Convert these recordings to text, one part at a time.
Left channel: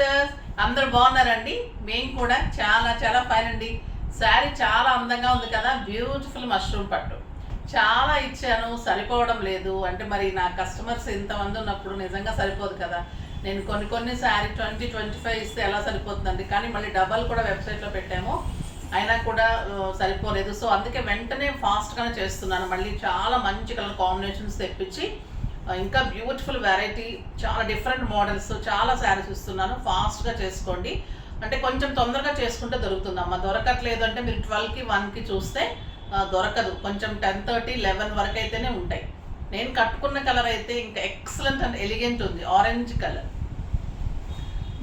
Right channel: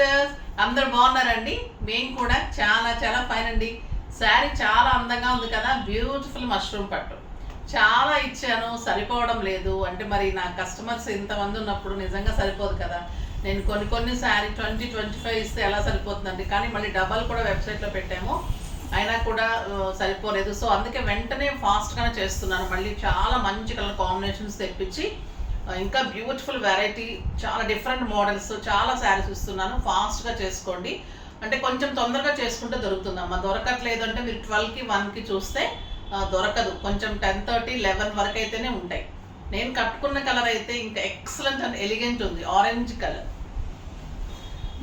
Sisters, అందరు బాగున్నారండి? మేము కూడా చాలా చాలా ఫైన్ అండి. శారీ చాలా అందంగా ఉంది కదా, బ్యూటిఫుల్ మష్రూమ్ పట్టు. చాలా ఇచ్చాను, సరిపోవడం లేదు. అంటే మరి నా కస్టమర్స్ ఇంతమంది ఉన్నప్పుడు నిజంగా సరిపోదు కదా. నేను కొన్ని శారీ 20-25 ఇస్తే ఎలా సరిపోతుందండి? కానీ మళ్ళీ డబల్ కూడా వెబ్సైట్లో పెట్టాము, అయినా కూడా సరిపోలేదు. సో అందుకే వెంటనే ఫాస్ట్గానే చేస్తున్నాను. మళ్ళీ చాలా మంచి కలర్ కాంబినేషన్స్ తెప్పించి ఇంకా బ్యూటిఫుల్ వెరైటీ, చాలా డిఫరెంట్ మోడల్స్, చాలా శారీస్ ఇస్తున్నాను. ఫాస్ట్గా చేసుకోండి. అంటే కొంచెం తొందరగా చేసుకుంటే దొరుకుతుందమ్మా. దొరకట్లేదు అంటే మీరు 12కి 1కి చూస్తే దొరకదు. కొంచెం 10:30, 11 వరకు అయితేనే ఉంటాయి. నేను కట్టుకున్న కలర్ అయితే ఇంకా ఎక్సలెంట్ అండ్ ఎలిగెంట్ ఉంది. ఆరెంజ్ కలర్,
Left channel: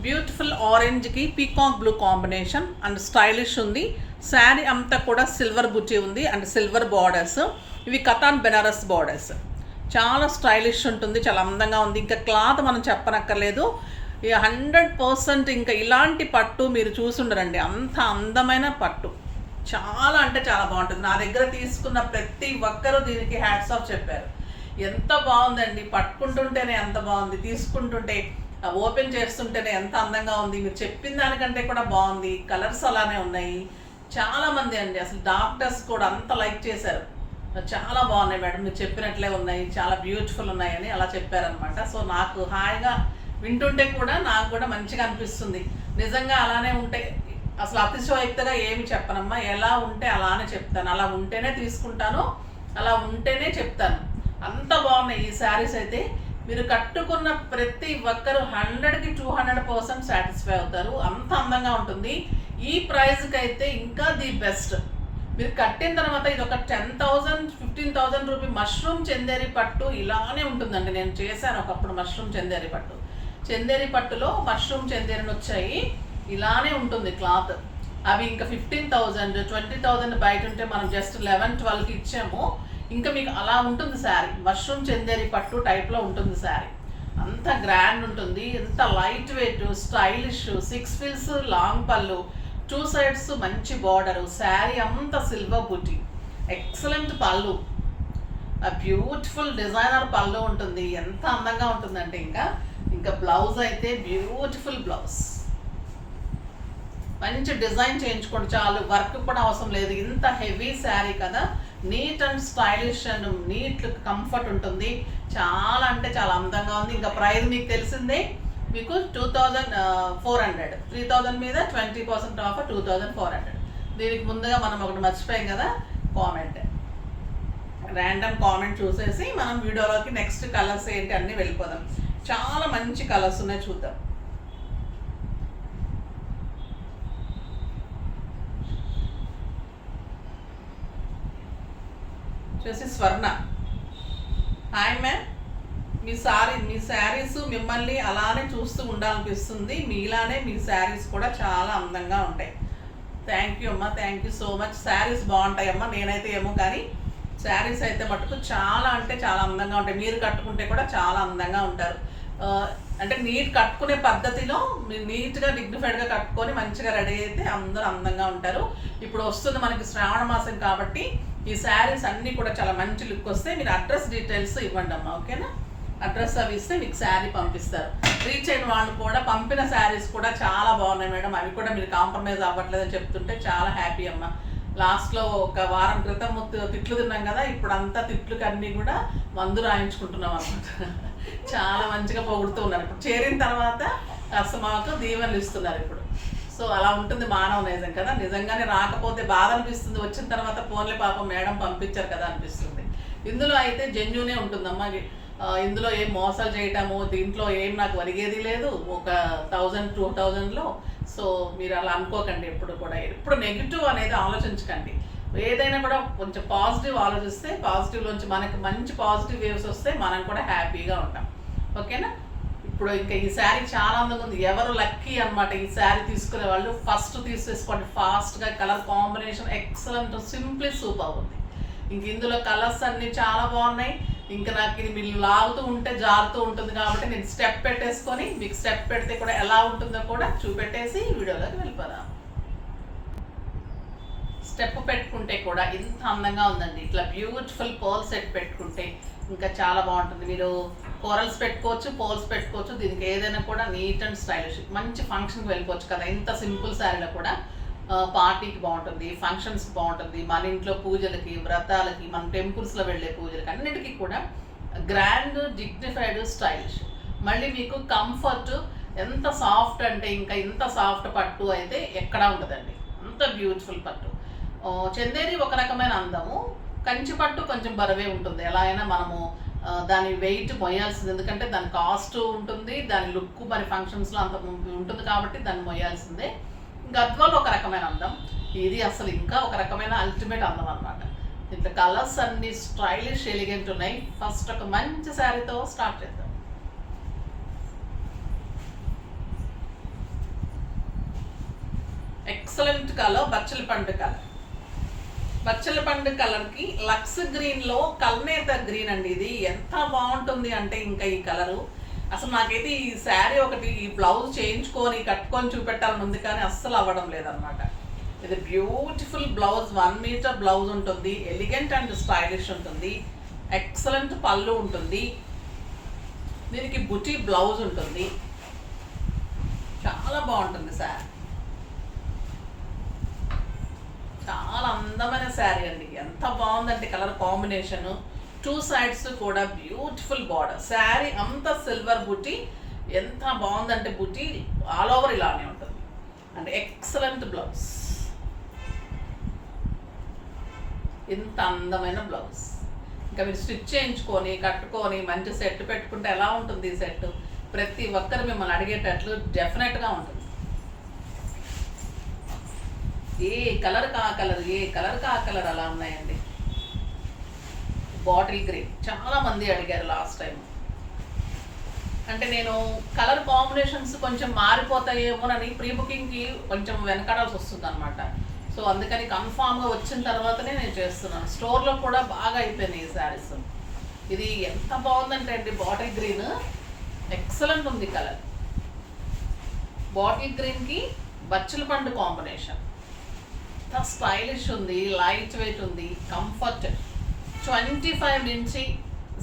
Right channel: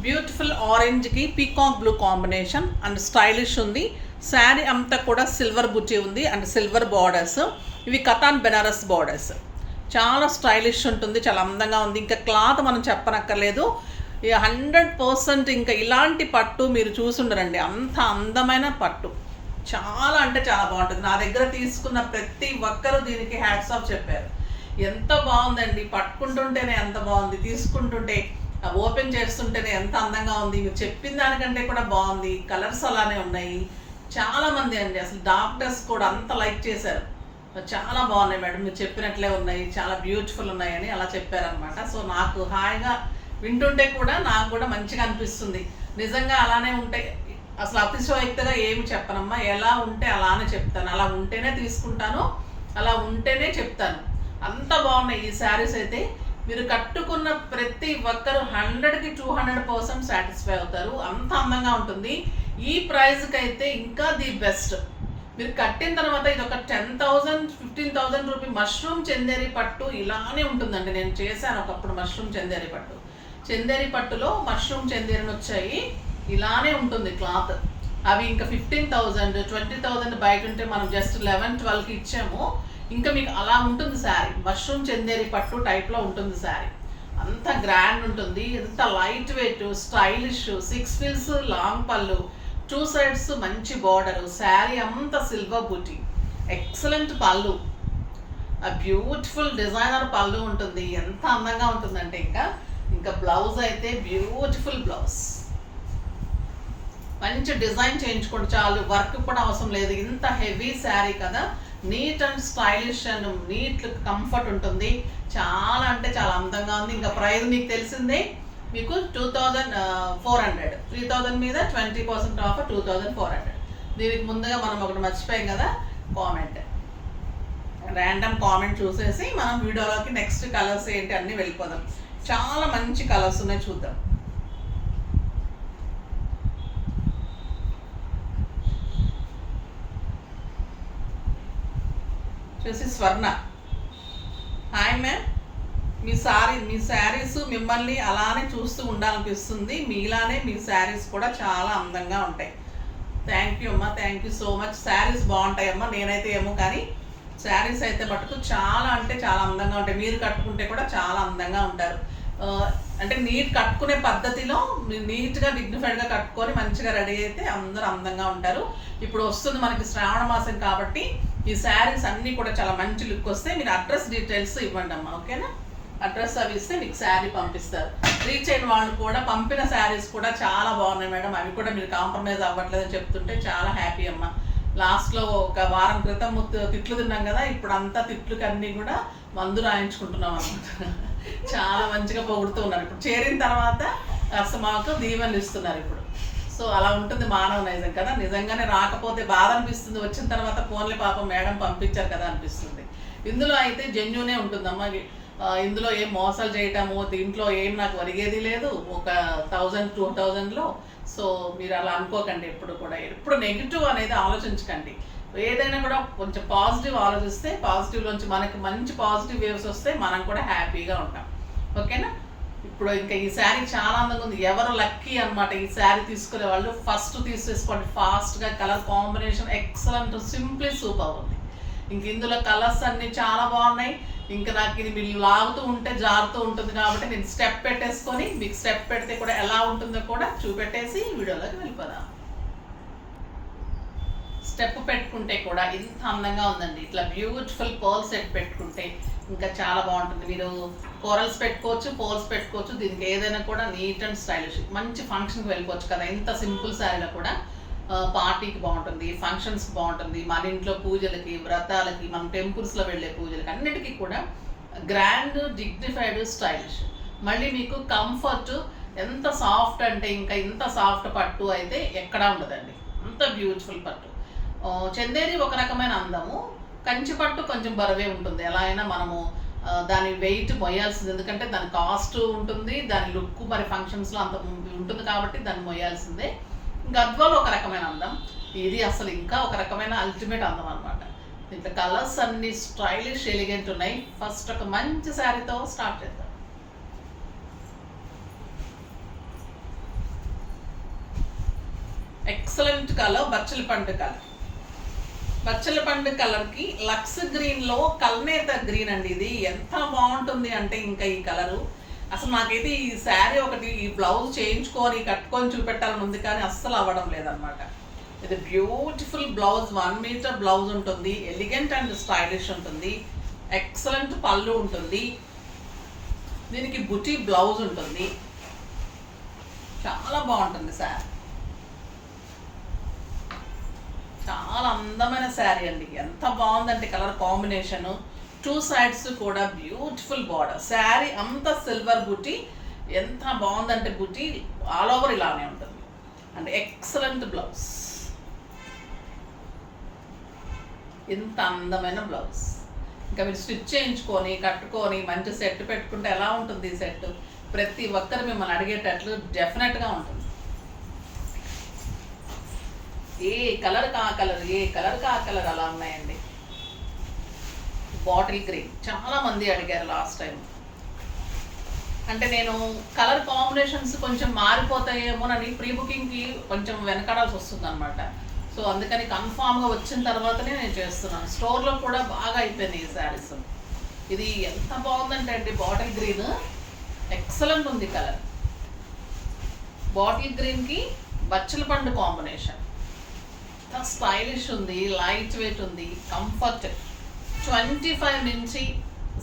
బ్యూటిఫుల్ ఆరెంజ్కి peacock blue combination and stylish ఉంది. శారీ అంతా కూడా సిల్వర్ బుట్టి ఉంది అండ్ సిల్వర్ బార్డర్స్. ఇవి కతాన్ బెనారస్ బార్డర్స్. చాలా స్టైలిష్ ఉంటుంది, చాలా అందంగా ఉంది. ఇంకా క్లాత్ మనం చెప్పనక్కర్లేదు. 100% ఇంకా ఇలాంటి పట్టు మీరు చూసుండరండి. అంత అందమైన పట్టు, చాలా అంటే చాలా బాగుంటుంది. నా దగ్గర తీసుకున్న ప్రతి ఒక్కరూ దీనికి హ్యాట్స్ ఆఫ్ చెప్పారు. ఎంత బాగుందండి, పట్టుకుంటుంటేనే ఎంత బాగుంది, తీసుకుంటుంటే ఓపెన్ చేస్తుంటేనే ఎంత అందంగా ఉంది. మీరు చెప్పిన దానికంటే కూడా బాగుంది. కలర్స్ అలానే ఉన్నాయి. చాలామంది అండి, అసలు డాక్టర్స్ కూడా అంత లైక్ చేశారు. చాలా బాగున్నాయి మేడం, మీరు చెప్పినట్లే ఉన్నాయి, చాలా బ్యూటిఫుల్ ఉన్నాయని అలా చెప్పారనమాట. సో నాకు హాయిగా వింటుంటే కూడా నాకు కూడా మంచిగా అనిపిస్తుంది. నిజంగా అలానే ఉంటే అసలు అతిశయోక్తిగా ఏమి చెప్పనమ్మా. ఎలా ఉంటే అలానే చెప్తాను. అలా ఉంటేనే తీసుకుంటాను, అలా ఉంటేనే చెప్తాను. అంత బాగున్నాయి ఈ శారీస్ అయితే. మీరు కట్టుకున్న ప్రతి ఒక్కరు 100కి 200% సాటిస్ఫై అవుతారు. అంత అందంగా ఉంటుంది. ఈ ప్రైస్కి అయితే ఇంకా ది బెస్ట్. మీరు కట్టిన తర్వాత ఇది ఒక 10,000-15,000 రూపీ మష్రూమ్ చందేరి పట్టు ఇలానే ఉంటుందండి. నేను చేశాను ఒకప్పుడు మష్రూమ్ చందేరి పట్టు. చందేరి పట్టులో మష్రూమ్ చందేరిని వచ్చాయి. ఇలానే ఉంటుంది క్లాత్. అవి ఇంకా 15,000, 20,000 బయట ఉంటే మనం జస్ట్ 11-12కి ఇచ్చాము. ఇంకా మీకు అలా ఉంటుంది శారీ. మష్రూమ్ చందేరి పట్టు టైప్లో ఉంటుంది శారీ. అంత గ్రాండ్ ఉంటుంది, ఎంత లైట్ వెయిట్, స్టైలిష్. 6 ఫిల్స్ లాంగ్ పళ్ళు, 2 సైడ్స్ మంచి బార్డరు. శారీ అంతా సిల్వర్ బూటీ, ఎక్సలెంట్ పళ్ళు, బ్యూటిఫుల్ డిజైనర్ పళ్ళు ఉంటుంది. ఎంత అందంగా ఉంటుందంటే ఇంకా బ్లౌజ్ అయితే బ్యూటిఫుల్ బ్లౌజ్. మంచి డిజైన్ చేయించుకోండి చాలు, వర్క్ కూడా అవసరం లేదు. ఇంత హెవీ శారీ కదా, neat and stylish and neat comfort ఉంటుంది. చాలా అంటే చాలా అందంగా ఉంది. ఇంకా ప్రైస్ మీకు తెలిసిందే, మీకు 2,400, 3,000 మీద 20% ఆఫర్ 2,400. దీనికి ముందుగా మనం ఒకటి మర్చిపోయాం కదా, కామెంట్, ర్యాండమ్ కామెంట్ చూసేసి మనం వీడియోలోకి నెక్స్ట్ కలర్స్ ఏంటి అన్నీ వెళ్ళిపోదాం. చాలా మంచి కలర్స్ ఉన్నాయి, చూద్దాం. చూసి స్వర్ణ, హాయ్ మ్యామ్. మీ శారీస్ మిమ్మల్ని అలానే చూస్తూ ఉండాలనిపిస్తుంది. మీలానే మీ శారీస్ కూడా చాలా అందంగా ఉంటాయి. థ్యాంక్ యూ అమ్మా, thank you so much. Saris బాగుంటాయి అమ్మా. నేనైతే ఏమో కానీ శారీస్ అయితే మటుకు చాలా అంటే చాలా అందంగా ఉంటాయి. మీరు కట్టుకుంటే కూడా చాలా అందంగా ఉంటారు. అంటే నీట్ కట్టుకునే పద్ధతిలో మీరు నీట్గా డిగ్నిఫైడ్గా కట్టుకొని మంచిగా రెడీ అయితే అందరూ అందంగా ఉంటారు. ఇప్పుడు వస్తుంది మనకి శ్రావణ మాసం కాబట్టి ఈ శారీస్ అన్నీ కూడా చాలా మంచి లుక్ వస్తాయి. మీరు అడ్రస్ డీటెయిల్స్ ఇవ్వండి అమ్మా, ఓకేనా? అడ్రస్ అవి ఇస్తే మీకు శారీ పంపిస్తారు. రీచ్ అయిన వాళ్ళు కూడా పంపిన శారీస్ కూడా చాలా బాగున్నాయి మేడం, అవి కూడా మీరు కాంప్రమైజ్ అవ్వట్లేదని చెప్తుంటే చాలా హ్యాపీ అమ్మ. లాస్ట్లో ఒక వారం క్రితం తిట్లు తిన్నాం కదా, ఇప్పుడు అంతా తిట్లకి అన్నీ కూడా మందు రాయించుకుంటున్నాం అన్నమాట. చాలా మంచిగా పొగుడుతూ ఉన్నారు. ఇప్పుడు చేరిన తర్వాత అసలు మాకు దీవెనలు ఇస్తున్నారు ఇప్పుడు. సో అలా ఉంటుంది మానవ నైజం కదా. నిజంగానే రాకపోతే బాధ అనిపిస్తుంది, వచ్చిన తర్వాత ఫోన్లే పాపం మేడం పంపించారు కదా అనిపిస్తుంది. ఇందులో అయితే జెన్యూనే ఉంటుందమ్మా. ఇందులో ఏం మోసాలు చేయటము, దీంట్లో ఏం నాకు ఒరిగేది లేదు ఒక 1,000-2,000లో. సో మీరు అలా అనుకోకండి, ఎప్పుడు నెగిటివ్ అనేది ఆలోచించకండి. ఏదైనా కూడా కొంచెం పాజిటివ్ ఆలోచిస్తే, పాజిటివ్లోంచి మనకి మంచి పాజిటివ్ వేవ్స్ వస్తే మనం కూడా హ్యాపీగా ఉంటాం, ఓకేనా? ఇప్పుడు ఇంకా ఈ శారీ చాలా అందంగా ఉంది. ఎవరు లక్కీ అనమాట ఈ శారీ తీసుకునే వాళ్ళు, ఫస్ట్ తీసేసుకోండి ఫాస్ట్గా. Colour combination excellent, simply super ఉంది. ఇంక ఇందులో కలర్స్ అన్నీ చాలా బాగున్నాయి. ఇంకా నాకు ఇది మీరు లాగుతూ ఉంటే జారుతూ ఉంటుంది కాబట్టి నేను స్టెప్ పెట్టేసుకొని మీకు స్టెప్ పెడితే కూడా ఎలా ఉంటుందో కూడా చూపెట్టేసి వీడియోలోకి వెళ్ళిపోదాం. స్టెప్ పెట్టుకుంటే కూడా ఇంత అందంగా ఉందండి. ఇట్లా బ్యూటిఫుల్ పర్ల్ సెట్ పెట్టుకుంటే ఇంకా చాలా బాగుంటుంది. మీరు కోరల్స్ పెట్టుకోవచ్చు, పోల్స్ పెట్టుకోవచ్చు. దీనికి ఏదైనా కూడా నీట్ అండ్ స్టైలిష్, మంచి ఫంక్షన్కి వెళ్ళిపోవచ్చు కదా. ఇంత సింపుల్ శారీలో కూడా పార్టీకి బాగుంటుంది, ఫంక్షన్స్కి బాగుంటుంది, మన ఇంట్లో పూజలకి, వ్రతాలకి, మన టెంపుల్స్లో వెళ్ళే పూజలకి అన్నిటికీ కూడా గ్రాండ్, డిగ్నిఫైడ్, స్టైలిష్. మళ్ళీ మీకు కంఫర్ట్, ఎంత సాఫ్ట్ అంటే ఇంకా ఇంత సాఫ్ట్ పట్టు అయితే ఎక్కడా ఉండదండి. అంత బ్యూటిఫుల్ పట్టు. చందేరి ఒక రకమైన అందము, కంచి పట్టు కొంచెం బరువే ఉంటుంది. ఎలా అయినా మనము దాని వెయిట్ మొయ్యాల్సింది, ఎందుకంటే దాని కాస్ట్ ఉంటుంది, దాని లుక్ మరి ఫంక్షన్స్లో అంత ఉంటుంది కాబట్టి దాన్ని మొయ్యాల్సిందే. గద్వాల్ ఒక రకమైన అందం, ఇది అసలు ఇంకా ఒక రకమైన అల్టిమేట్ అందం అనమాట. దీంట్లో కలర్స్ అన్ని స్టైలిష్, ఎలిగెంట్ ఉన్నాయి. ఫస్ట్ ఒక మంచి శారీతో స్టార్ట్ చేద్దాం. ఎక్సలెంట్ కలర్, బచ్చల పండు కలర్. బచ్చల పండు కలర్కి లక్స్ గ్రీన్లో కల్నేత గ్రీన్ అండి. ఇది ఎంత బాగుంటుంది అంటే ఇంకా ఈ కలరు అసలు నాకైతే ఈ శారీ ఒకటి, ఈ బ్లౌజ్ చేయించుకొని కట్టుకొని చూపెట్టాలని ఉంది కానీ అస్సలు అవ్వడం లేదనమాట. ఇది బ్యూటిఫుల్ బ్లౌజ్, 1 మీటర్ బ్లౌజ్ ఉంటుంది, ఎలిగెంట్ అండ్ స్టైలిష్ ఉంటుంది, ఎక్సలెంట్ పళ్ళు ఉంటుంది, దీనికి బుటీ బ్లౌజ్ ఉంటుంది. చాలా బాగుంటుంది శారీ, చాలా అందమైన శారీ అండి. ఎంత బాగుందంటే కలర్ కాంబినేషను, 2 సైడ్స్ కూడా బ్యూటిఫుల్ బార్డర్. శారీ అంతా సిల్వర్ బుటీ, ఎంత బాగుందంటే బుటీ ఆల్ ఓవర్ ఇలానే ఉంటుంది. అండ్ ఎక్సలెంట్ బ్లౌజ్, ఇంత అందమైన బ్లౌజ్. ఇంకా మీరు స్టిచ్ చేయించుకొని కట్టుకొని మంచి సెట్ పెట్టుకుంటే ఎలా ఉంటుంది ఈ సెట్? ప్రతి ఒక్కరు మిమ్మల్ని అడిగేటట్లు డెఫినెట్గా ఉంటుంది. ఏ కలర్ కా కలర్, ఏ కలర్ కా కలర్ అలా ఉన్నాయండి. బాటిల్ గ్రీన్ చాలా మంది అడిగారు లాస్ట్ టైం. అంటే నేను కలర్ కాంబినేషన్స్ కొంచెం మారిపోతాయేమోనని ప్రీ బుకింగ్కి కొంచెం వెనకాడాల్సి వస్తుంది అనమాట. సో అందుకని కన్ఫామ్గా వచ్చిన తర్వాతనే నేను చేస్తున్నాను. స్టోర్లో కూడా బాగా అయిపోయినాయి ఈ శారీస్. ఇది ఎంత బాగుందంటే అండి, బాటిల్ గ్రీన్ ఎక్సలెంట్ ఉంది కలర్. బాటిల్ గ్రీన్కి బచ్చల పండు కాంబినేషన్, ఎంత స్టైలిష్ ఉంది, లైట్ వెయిట్ ఉంది, కంఫర్ట్. 25 నుంచి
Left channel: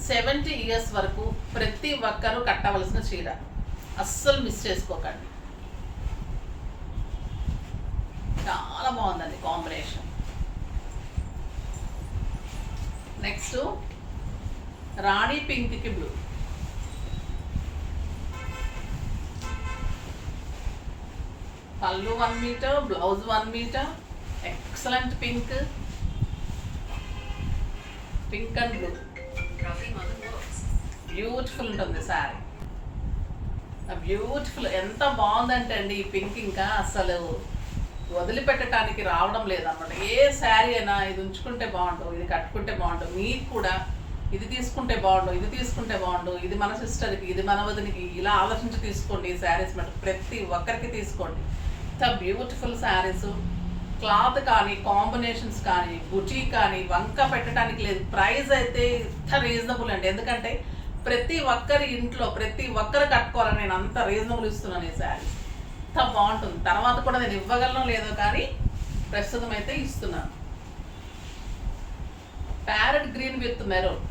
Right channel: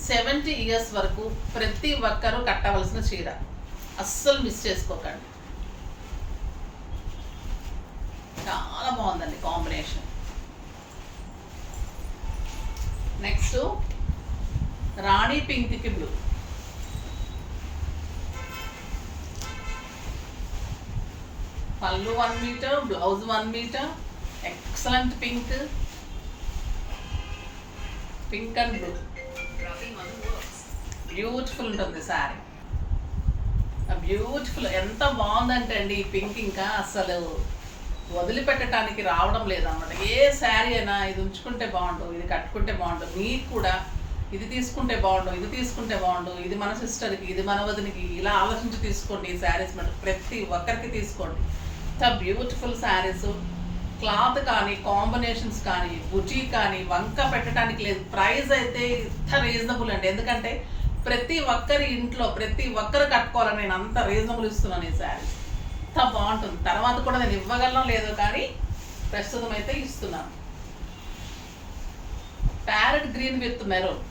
70 ఇయర్స్ వరకు ప్రతి ఒక్కరూ కట్టవలసిన చీర, అస్సలు మిస్ చేసుకోకండి. చాలా బాగుందండి కాంబినేషన్. నెక్స్ట్ రాణి పింక్కి బ్లూ. పళ్ళు 1 metre, blouse 1 metre, excellent pink, pink and blue, beautiful ఉంటుంది శారీ. బ్యూటిఫుల్, ఎంత బాగుందంటే అండి ఈ పింక్ ఇంకా అసలు వదిలిపెట్టడానికి రావడం లేదన్నమాట. ఏ శారీ అయినా ఇది ఉంచుకుంటే బాగుండు, ఇది కట్టుకుంటే బాగుండు, మీకు కూడా ఇది తీసుకుంటే బాగుండు, ఇది తీసుకుంటే బాగుండు, ఇది మన సిస్టర్కి, ఇది మన వదినికి, ఇలా ఆలోచించి తీసుకోండి ఈ శారీస్. మటు ప్రతి ఒక్కరికి తీసుకోండి. ఇంత బ్యూటిఫుల్ శారీస్. క్లాత్ కానీ, కాంబినేషన్స్ కానీ, బుటీ కానీ వంక పెట్టడానికి లేదు. ప్రైస్ అయితే ఇంత రీజనబుల్ అండి, ఎందుకంటే ప్రతి ఒక్కరి ఇంట్లో ప్రతి ఒక్కరు కట్టుకోవాలని నేను అంత రీజనబుల్ ఇస్తున్నాను ఈ శారీ. ఎంత బాగుంటుంది. తర్వాత కూడా నేను ఇవ్వగలను లేదో కానీ ప్రస్తుతం అయితే ఇస్తున్నాను. Parrot green with maroon,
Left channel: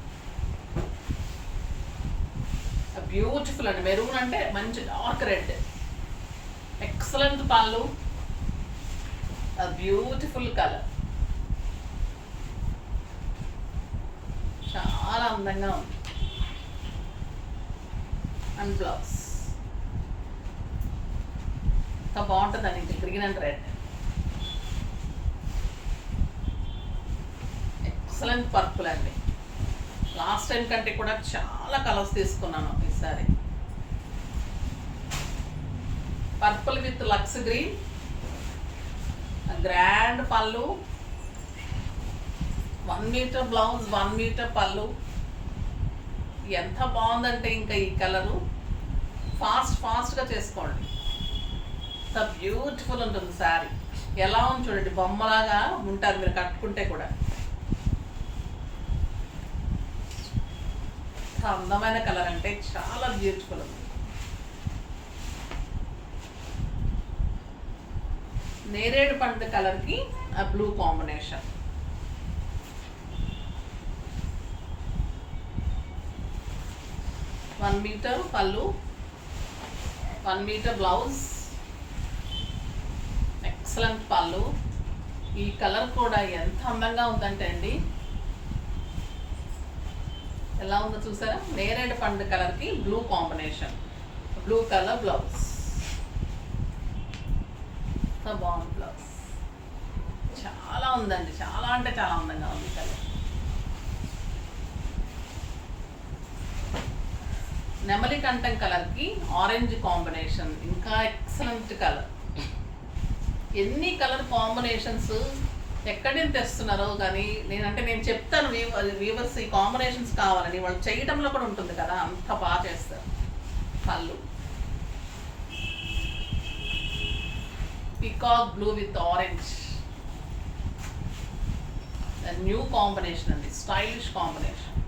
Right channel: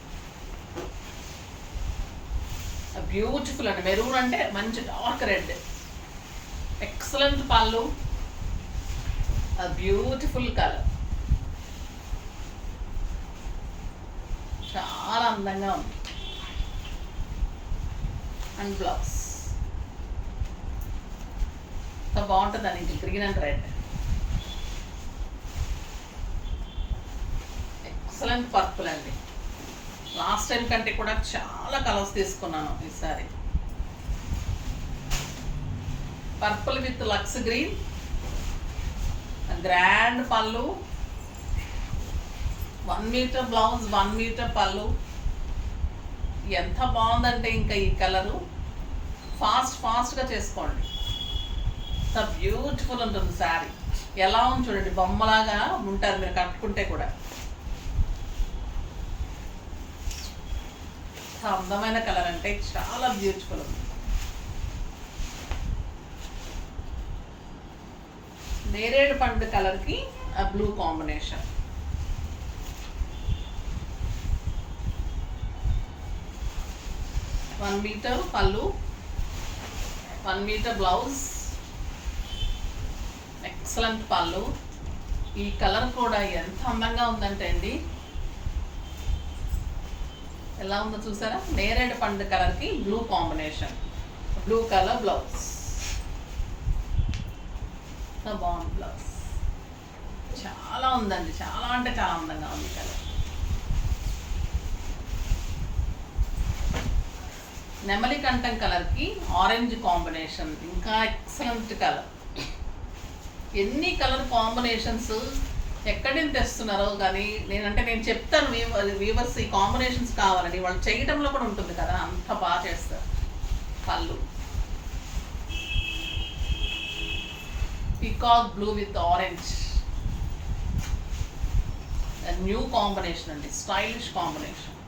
beautiful అండి. మెరూన్ అంటే మంచి డార్క్ రెడ్, ఎక్సలెంట్ పళ్ళు, బ్యూటిఫుల్ కలర్, చాలా అందంగా ఉంది. అండ్ బ్లౌజ్ ఇంకా బాగుంటుందండి, ఇంకా green and red, excellent purple అండి. లాస్ట్ టైం కంటే కూడా చాలా కలర్స్ తీసుకున్నాను ఈసారి. పర్పుల్ విత్ లక్స్ గ్రీన్, గ్రాండ్ పళ్ళు, 1 మీటర్ బ్లౌజ్, 1 మీటర్ పళ్ళు. ఎంత బాగుందంటే ఇంకా ఈ కలరు ఫాస్ట్గా చేసుకోండి. ఎంత బ్యూటిఫుల్ ఉంటుంది శారీ. ఎలా ఉంది చూడండి, బొమ్మలాగా ఉంటారు మీరు కట్టుకుంటే కూడా. అందమైన కలర్ అంటే చాలా బ్యూటిఫుల్ ఉంది. నేరేడు పండు కలర్కి బ్లూ కాంబినేషన్. 1 మీటర్ పళ్ళు, 1 మీటర్ బ్లౌజ్. ఎక్సలెంట్ పళ్ళు. ఈ కలర్ కూడా ఎంత అందంగా ఉందంటే అండి, ఎలా ఉందో చూసారా? నేరేడు పండు కలర్కి blue combination, blue colour blouse. బాగుంది బ్లౌజ్, చాలా ఉందండి, చాలా అంటే చాలా అందంగా ఉంది కలర్. నెమలి కంఠం కలర్కి ఆరెంజ్ కాంబినేషన్, ఇంకా ఎక్సలెంట్ కలర్. ఎన్ని కలర్ కాంబినేషన్స్ ఎక్కడి నుంచి తెస్తున్నారో కానీ నేను చెప్తాను వీవర్స్ ఈ కాంబినేషన్స్ కావాలని, వాళ్ళు చేయడంలో కూడా ఉంటుంది కదా, అంత బాగా చేస్తారు. పళ్ళు peacock blue with orange, new combination అండి, స్టైలిష్ కాంబినేషన్,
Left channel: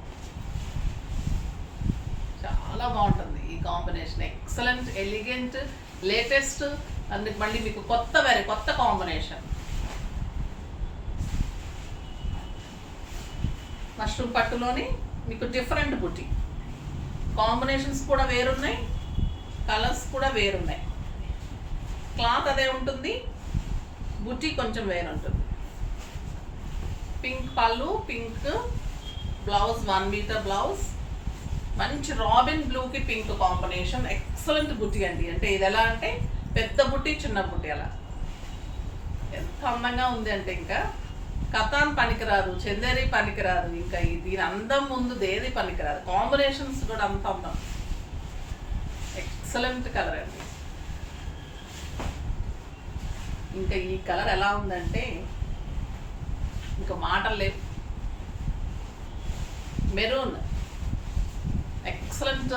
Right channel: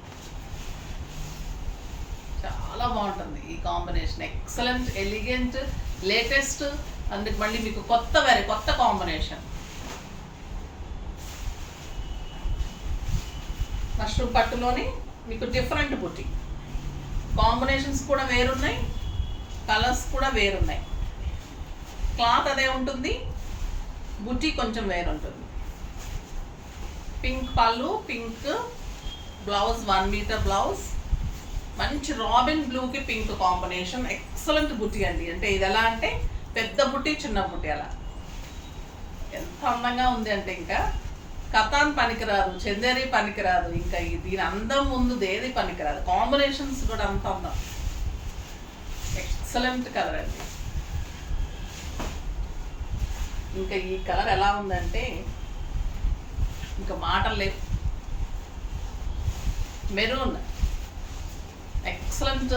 చాలా బాగుంటుంది ఈ కాంబినేషన్. ఎక్సలెంట్, ఎలిగెంట్, లేటెస్ట్, అందుకు మళ్ళీ మీకు కొత్త కాంబినేషన్. మష్రూమ్ పట్టులోని మీకు డిఫరెంట్ బుటీ కాంబినేషన్స్ కూడా వేరున్నాయి, కలర్స్ కూడా వేరున్నాయి. క్లాత్ అదే ఉంటుంది, బుటీ కొంచెం వేరుంటుంది. పింక్ పళ్ళు, పింక్ బ్లౌజ్, 1 మీటర్ బ్లౌజ్. మంచి రాబిన్ బ్లూకి పింక్ కాంబినేషన్, ఎక్సలెంట్ బుటీ అండి. అంటే ఇది ఎలా అంటే పెద్ద బుట్టి చిన్న బుట్టి, అలా ఎంత అందంగా ఉంది అంటే ఇంకా కథాన్ పనికిరాదు, చందేరి పనికిరాదు, ఇంకా దీని అందం ముందు దేది పనికిరాదు. కాంబినేషన్స్ కూడా అంత అందం, ఎక్సలెంట్ కలర్ అండి. ఇంకా ఈ కలర్ ఎలా ఉందంటే ఇంకా మాటలు లేవు. Maroon, excellent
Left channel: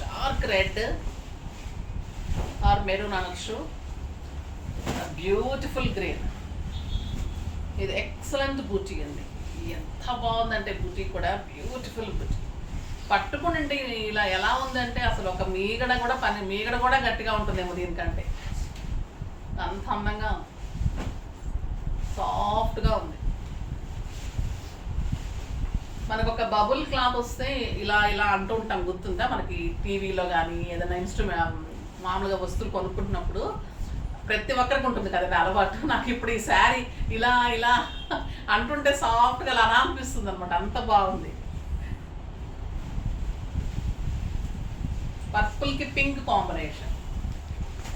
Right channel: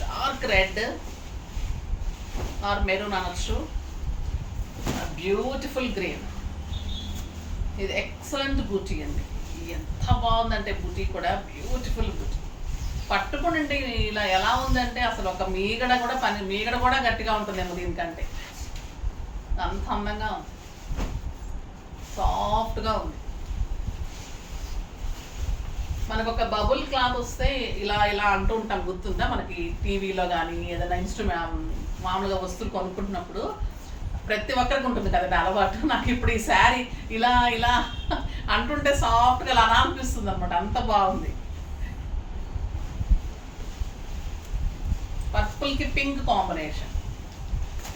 dark red or maroon అనొచ్చు. బ్యూటిఫుల్ గ్రీన్, ఇది ఎక్సలెంట్ బూటీ అండి. ఎంత బాగుందంటే బూటీ కూడా బ్యూటిఫుల్ బూటీ. పట్టుకునండి ఇలా ఎలా ఉందంటే అసలు ఒక మీగడ కూడా గట్టిగా ఉంటుందేమో దీనికంటే, అంత అందంగా ఉంది, సాఫ్ట్గా ఉంది. మనకు ఒక బబుల్ క్లాత్ వస్తే ఇలా అంటూ ఉంటాం, గుర్తుందా? మనకి టీవీలో కానీ ఏదైనా మామూలుగా వస్తువులు కొనుక్కుంటున్నప్పుడు ప్రతి ఒక్కరికి ఉంటుంది కదండి అలవాటు. నాకు ఇప్పుడు ఈ శారీ ఇలా అంటుంటే సాఫ్ట్గా అలా అనిపిస్తుంది అనమాట, అంత బాగుంది. పర్పుల్కి pink combination,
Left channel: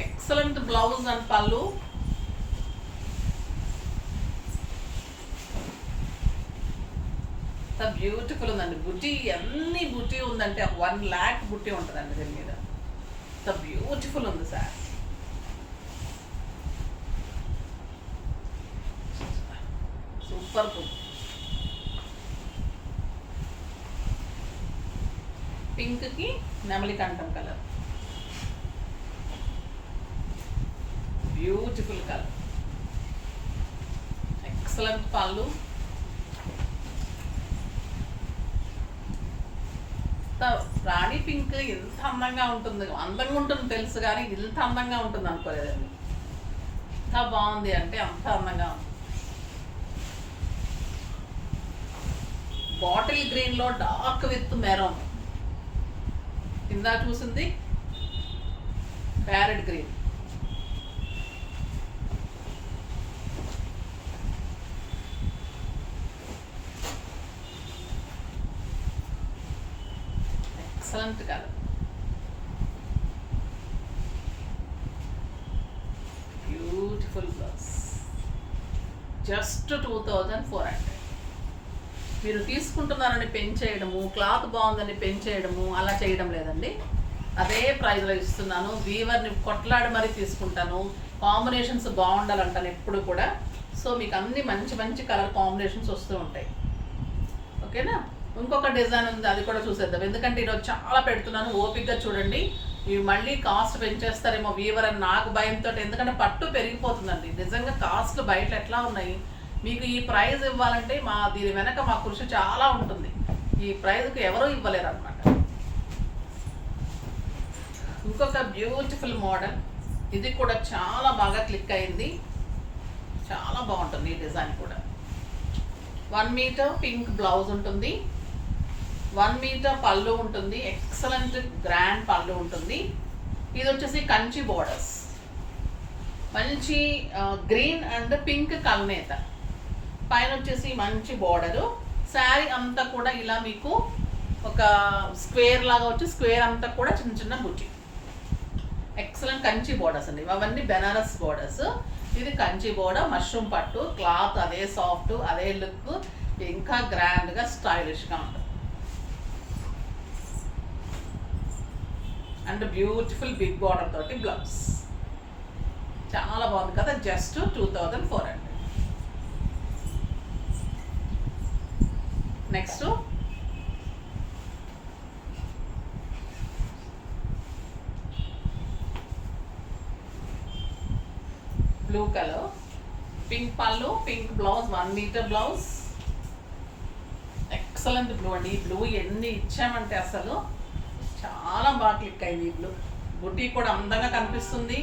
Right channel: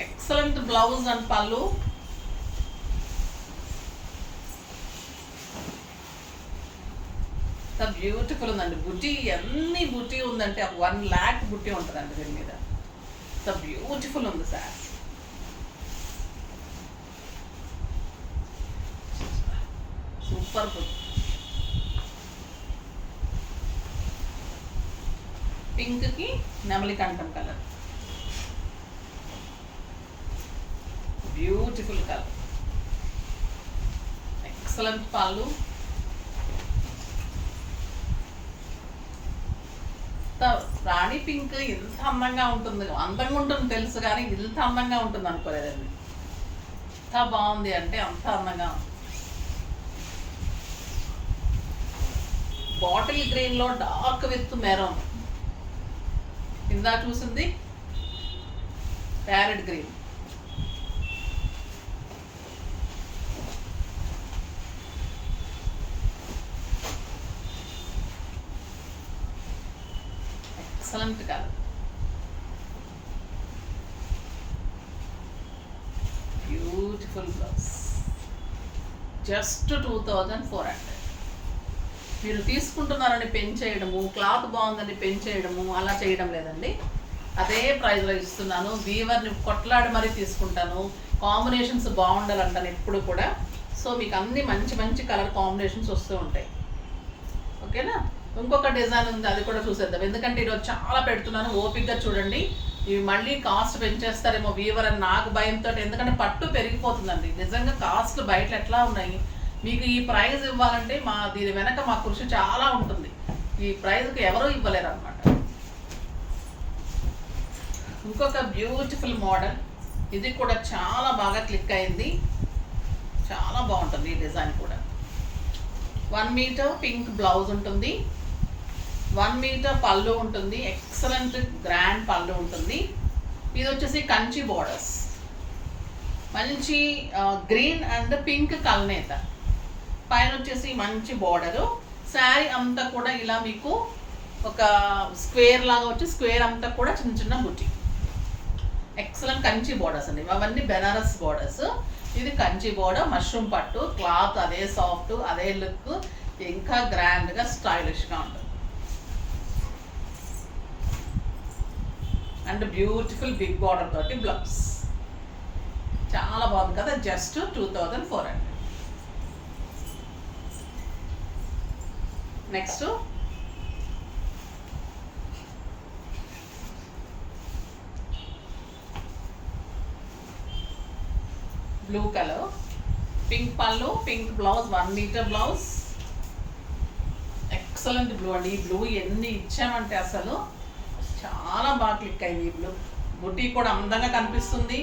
excellent blouse and పళ్ళు. బ్యూటిఫుల్ ఉందండి బుటీ. ఎన్ని బుటీ ఉందంటే 1 lakh బుటీ ఉంటుందండి దీని మీద. బ్యూటిఫుల్ ఉంది సార్. సూపర్ బుటీ. పింక్కి నెమలి కంఠం కలర్, బ్యూటిఫుల్ కలర్, ఎక్సలెంట్ పళ్ళు. రాణి పింక్ ఇంత అందంగా ఉంటుంది తెలుసు, కానీ ఇంత అందంగా ఉంటుంది అనుకోలేదండి. ఎంత బాగుంది అంటే అంత అందంగా ఉంది. బాటిల్ గ్రీన్లో డార్క్ విత్ మెరూన్, కింద చూసింది parrot green. Excellent colour, beautiful blouse. Just 2400. మీరు తీసుకుంటున్నారని పెంచేయడము, క్లాత్ బాగుందని పెంచేయడము అలా చేయడం లేదండి. అదే ప్రైస్లో ఇస్తున్నాను. వీవర్ని కొట్లాడి మరీ తీసుకుంటాను. కాంబినేషన్స్ బాగుండాలంటాను ఎప్పుడు కూడా. సో మీకు అన్ని మంచి కలర్ కాంబినేషన్స్ వస్తూ ఉంటాయి. ఓకేనా? ఇంకొక డిజైన్ ఉంది, అది కూడా చూసేద్దాం. ఎందుకంటే ఈరోజు చాలా పెడుతున్నాను, ఓపిక్గా చూడండి. ఇవి మళ్ళీ కాస్ట్ పెంచేస్తారేమో వీవర్ అని నాకు భయంతో, ఎందుకంటే పట్టు పెరిగిపోతుందండి. నిజంగా కాస్ట్లు బయట ఎట్లా ఉన్నాయి, మీకు ఈ ప్రైజ్ ఇవ్వాలంటే దీని వెనక మా కృషి చాలా ఉంటుంది. ఈ ప్రైజ్కి ఎవరూ ఇవ్వలేరు అనమాట. ఇంకొక బ్యూటిఫుల్ మోడల్, ఇది కూడా చాలా బాగా క్లిక్ అయింది, చాలా బాగుంటుంది ఈ డిజైన్ కూడా. 1 మీటర్ పింక్ బ్లౌజ్ ఉంటుంది, 1 మీటర్ పళ్ళు ఉంటుంది, ఎక్సలెంట్ గ్రాండ్ పళ్ళు ఉంటుంది. ఇది వచ్చేసి కంచి బోర్డర్స్, మంచి గ్రీన్ అండ్ పింక్ కల్నేత, పైన వచ్చేసి మంచి బోర్డరు. శారీ అంతా కూడా ఇలా మీకు ఒక స్క్వేర్ లాగా వచ్చి స్క్వేర్ అంతా కూడా చిన్న చిన్న బుట్టి, ఎక్సలెంట్ కంచి బోర్డర్స్ అండి. అవన్నీ బెనారస్ బోర్డర్స్. ఇది కంచి బోర్డర్, మష్రూమ్ పట్టు, క్లాత్ అదే సాఫ్ట్, అదే లుక్, ఇంకా గ్రాండ్గా స్టైలిష్గా ఉంటుంది. అండ్ బ్యూటిఫుల్ బిగ్ బార్డర్ తోటి బ్లౌజ్, చాలా బాగుంది కదా. Just 2400. Next blue colour, pink పళ్ళు, pink blouse, 1 metre blouse, excellent blue అండి. ఈ బ్లూ ఎన్ని ఇచ్చామంటే అసలు చాలా బాగా క్లిక్ అయింది. ఈ బ్లూ బుట్టి కూడా అందంగా కనిపిస్తుంది,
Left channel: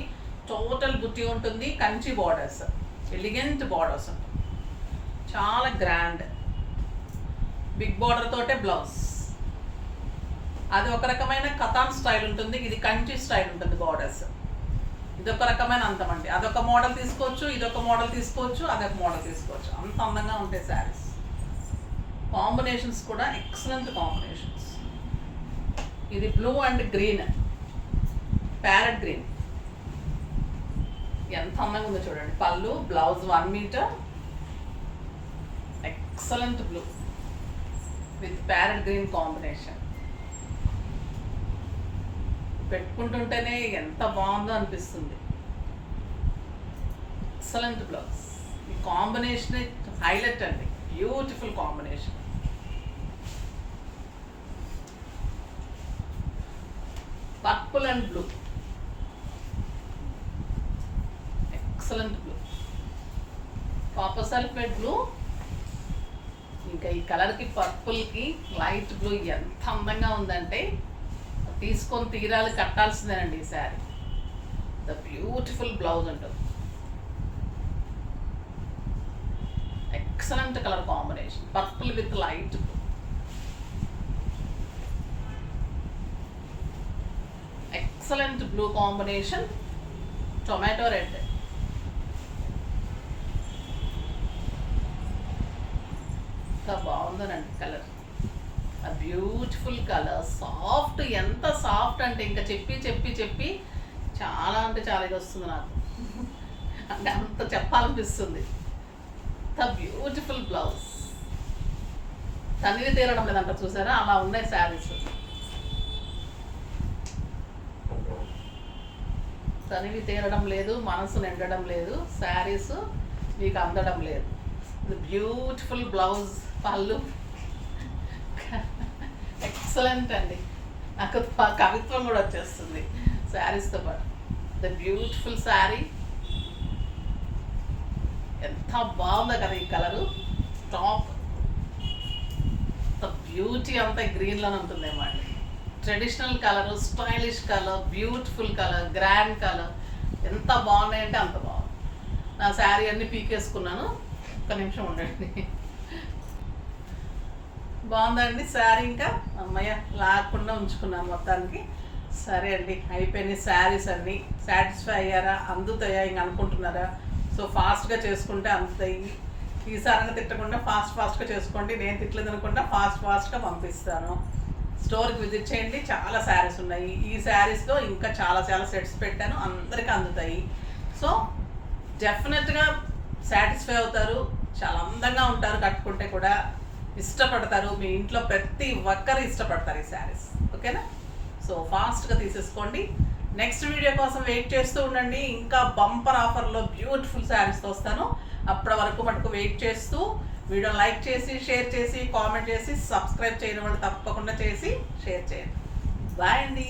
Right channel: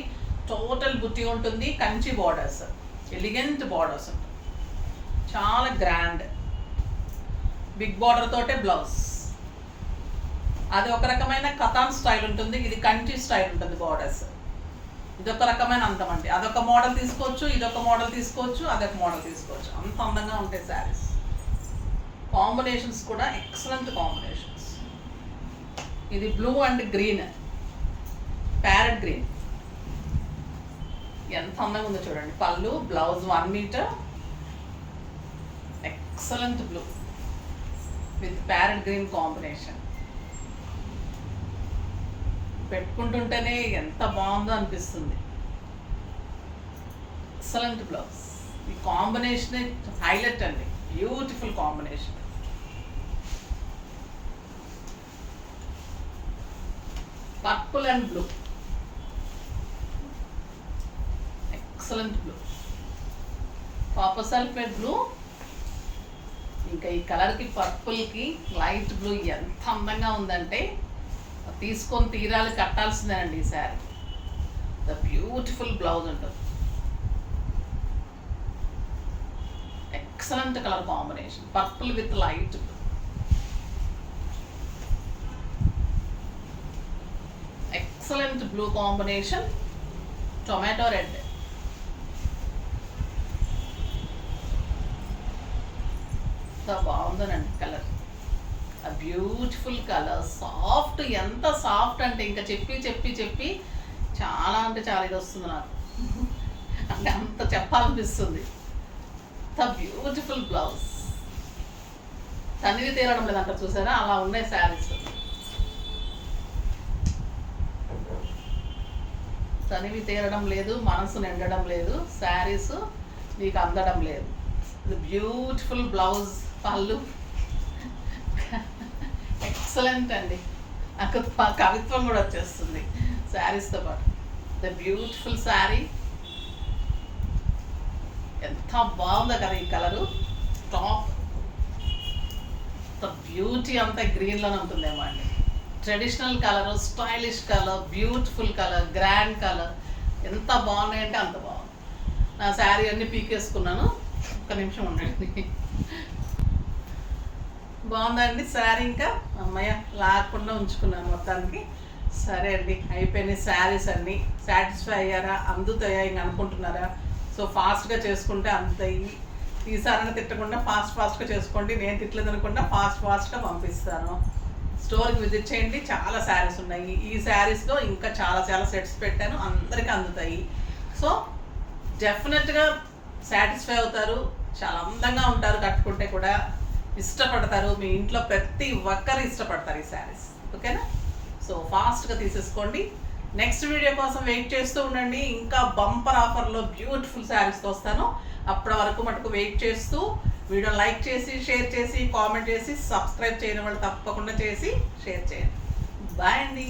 టోటల్ బుట్టి ఉంటుంది, కంచి బార్డర్స్, ఎలిగెంట్ బార్డర్స్ ఉంటుంది, చాలా గ్రాండ్ బిగ్ బార్డర్ తోటే బ్లౌజ్. అది ఒక రకమైన కథాన్ స్టైల్ ఉంటుంది, ఇది కంచి స్టైల్ ఉంటుంది బార్డర్స్. ఇదొక రకమైన అందం అండి. అదొక మోడల్ తీసుకోవచ్చు, ఇదొక మోడల్ తీసుకోవచ్చు, అదొక మోడల్ తీసుకోవచ్చు. అంత అందంగా ఉంటాయి శారీస్. కాంబినేషన్స్ కూడా ఎక్సలెంట్ కాంబినేషన్స్. ఇది blue and green, parrot green, ఎంత అందంగా ఉందో చూడండి. పళ్ళు, blouse 1 metre, excellent blue with parrot green combination. పెట్టుకుంటుంటేనే ఎంత బాగుందో అనిపిస్తుంది. Excellent blouse. ఈ కాంబినేషన్ హైలైట్ అండి, beautiful combination. Purple and blue, excellent blue, copper sulphate blue. ఇంకా ఈ కలర్కి పర్పుల్కి లైట్ బ్లూ ఎంత అందంగా ఉందంటే తీసుకొని తీరాలు కట్టాల్సిందేనండి ఈ శారీ. ద బ్యూటిఫుల్ బ్లౌజ్ ఉంటుంది, excellent colour combination, purple with light blue, excellent blue combination, tomato red. ఎంత బాగుందోనండి కలర్, ఆ బ్యూటిఫుల్ కలర్, సాఫ్ట్, ఎంత సాఫ్ట్ అంటే ఇంకా చెప్పి చెప్పి చెప్పి చాలా అంటే చాలా ఇది వస్తుంది నాకు, అంటే అంత చెప్పాలనిపిస్తుంది. ద బ్యూటిఫుల్ బ్లౌజ్, తనివి తీరడం లేదంట, చూసారా అలా ఉన్నాయి శారీస్. తనివి తీరడం లేదు, మనసు నిండడం లేదు, శారీస్ మీకు అందడం లేదు. బ్యూటిఫుల్ బ్లౌజ్, పళ్ళు ఎక్సలెంట్ అండి. నాకు కవిత్వం కూడా వచ్చేస్తుంది శారీస్తో పాటు. ద బ్యూటిఫుల్ శారీ, ఎంత బాగుందో కదా ఈ కలరు. టాప్ ద బ్యూటీ అంతా గ్రీన్లోనే ఉంటుందేమో అండి. Traditional colour, stylish colour, beautiful colour, grand colour, ఎంత బాగున్నాయంటే అంత బాగుంది. నా శారీ అన్నీ పీకేసుకున్నాను, ఒక్క నిమిషం ఉండండి. బాగుందండి శారీ, ఇంకా అమ్మయ్య లాగకుండా ఉంచుకున్నాను మొత్తానికి. సరే అండి, అయిపోయినాయి శారీస్ అన్నీ. సాటిస్ఫై అయ్యారా, అందుతాయా ఇంక అనుకుంటున్నారా? సో ఫాస్ట్గా చేసుకుంటే అందుతాయి. ఈసారైనా తిట్టకుండా ఫాస్ట్గా చేసుకోండి. నేను తిట్టలేదు అనుకుంటా ఫాస్ట్గా పంపిస్తాను. స్టోర్కి విజిట్ చేయండి, చాలా శారీస్ ఉన్నాయి. ఈ శారీస్లో ఇంకా చాలా సెట్స్ పెట్టాను, అందరికీ అందుతాయి. సో డెఫినెట్గా సాటిస్ఫై అవుతారు, చాలా అందంగా ఉంటారు, కట్టుకుంటే కూడా ఇష్టపడతారు. మీ ఇంట్లో ప్రతి ఒక్కరు ఇష్టపడతారు ఈ శారీస్. ఓకేనా? సో ఫాస్ట్గా తీసేసుకోండి. నెక్స్ట్ వీడియో కోసం వెయిట్ చేస్తూ ఉండండి. ఇంకా బంపర్ ఆఫర్లో బ్యూటిఫుల్ శారీస్తో వస్తాను. అప్పటి వరకు మటుకు వెయిట్ చేస్తూ వీడియో లైక్ చేసి, షేర్ చేసి, కామెంట్ చేసి, సబ్స్క్రైబ్ చేయని వాళ్ళు తప్పకుండా చేసి షేర్ చేయండి. బాయ్ అండి.